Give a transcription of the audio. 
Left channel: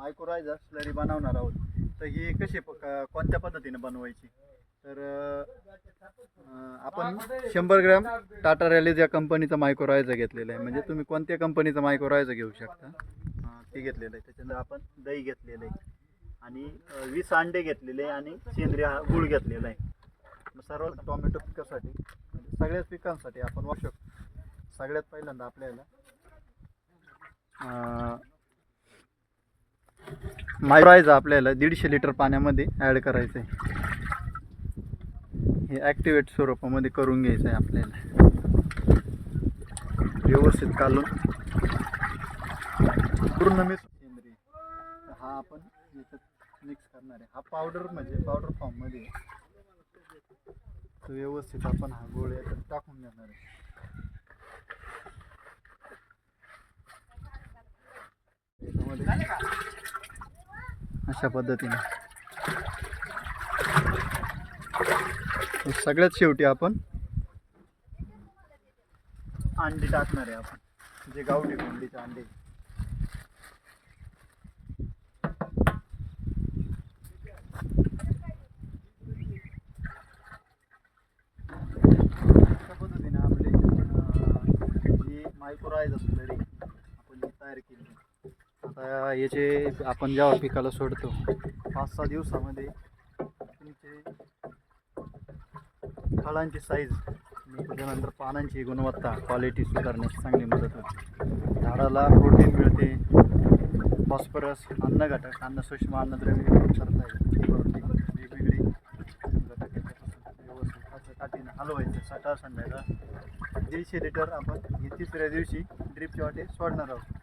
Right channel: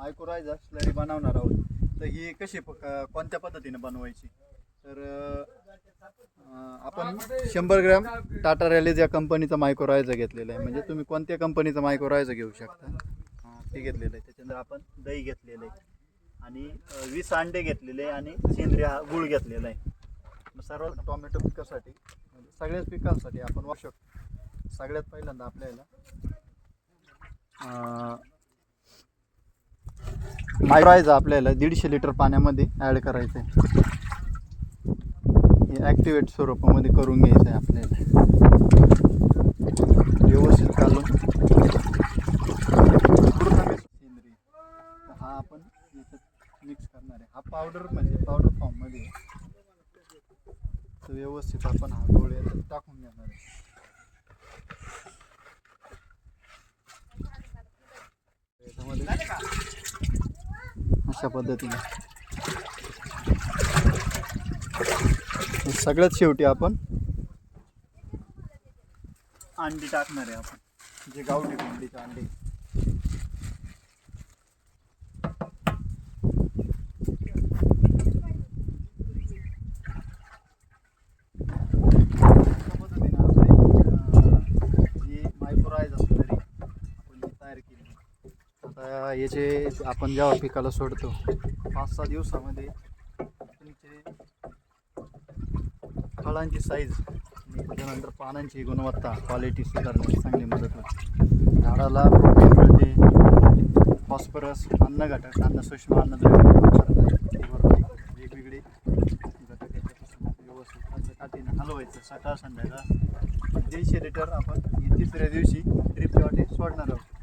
Mycorrhiza slurry बनवणार आहोत. तर ही कशी कोणत्या पद्धतीने बनवायची, तर आपण 100 ग्रॅम टाटा रॅलीज या कंपनीचा मायक्रोरायझा घेतलेला आहे. म्हणजे तुम्ही कोणत्या कंपनीचा मायक्रोरायझा घेऊ शकता, ते घेतलेलं आहे. त्याच्यानंतर आपण दही घेतलेलं आहे आणि 20 अंडे घेतलेले आहे आणि सेंद्रिय गुळ घेतलेला आहे. सर्व टोमॅटो पिकासाठी म्हणजे सगळ्याच पिकांसाठी आपण वापरू शकतो. सगळ्यात पहिल्यांदा आपल्याला मायक्रोरायझा आपल्याला 150 लिटर पाण्यामध्ये ॲड करायचं आहे. हे ॲक्टिवेट स्वरूपामध्ये करून घ्यायचं आहे आपल्याला. व्यवस्थित काढून पूर्ण सेंद्रिय हा आपण याच्यात मिक्स करणार आहे. हा पावडर म्हणजे पावडर फॉर्ममध्ये व्यवस्थित आपण हा गोळ याच्यात टाकून घेणार आहे. याच्यामध्ये अशा पद्धतीने सगळ्यात शेवटी आपण अंडी टाकणार आहे. आपण जे गावठी कोंबडीचे अंडे अशा पद्धतीने आपले जी मायक्रोरायझा स्लरी आपण जी तयार केली. आता याचे आपण जेव्हा पिकाला सोडतो 5-6 दिवसामध्ये तुमचे फळांची साईज आणि त्याच्यानंतर पानांची गुणवत्ता क्वालिटी सुधारण्यास चांगली मदत होते. झाडाला प्रोटीन मिळते, फॉस्फरस, अन्न घटक, अन्न सूक्ष्म अन्नद्रव्य वेगवेगळे घटक याच्यापासून व्यवस्थित काठीनं हलवायचं. सकाळ संध्याकाळ 150 लिटर आपण 3ऱ्या दिवशी ड्रिपच्या वाटे सोडणार आहोत.